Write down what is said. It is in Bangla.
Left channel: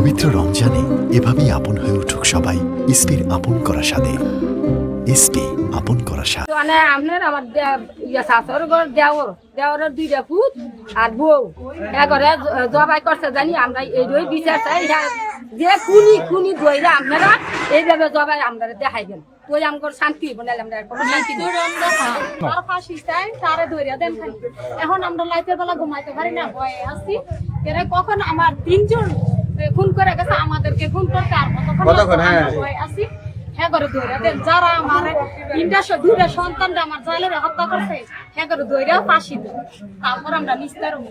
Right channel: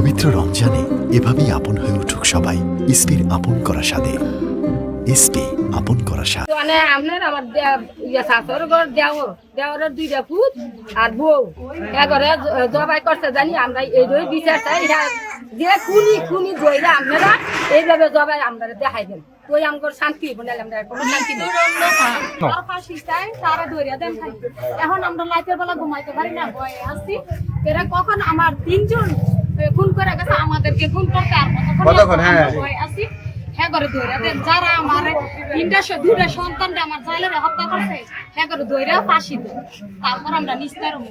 পবিত্র রমজানে এভাবেই আপন হয়ে উঠুক সবাই ইসপির আপন করা স্বাদে। ইসপি আপন করা স্বাদ। মানে আপনার আমার শাশুর ঘর দেওরের দুইটা পুত আর বউ এগরে জবাই করতে জানি আমরা এই বিচার চাই যে খুনি ধরে আপনারা এইভাবে জবাই আমরা দেখাইবেন তুই আমার শান্তি বনালে আমরা কোনো শান্তি নেই। এখন আমরা লাইটের বেলা ঘুমাইতে পারি না, ভয়ে আছি। এরা কখন আমার তিনজন খুন করে গেছে, আমাদেরকে খুন করতে আর কতক্ষণ ভয়ে আছি। হ্যাঁ করে ধরে দেন যারা আমার দুইটা সন্তানরা আমার জালের হত্যা করছে, হ্যাঁ করে ধরে ফাঁসি দেন, তারপর আমরা নিস্তার হবো।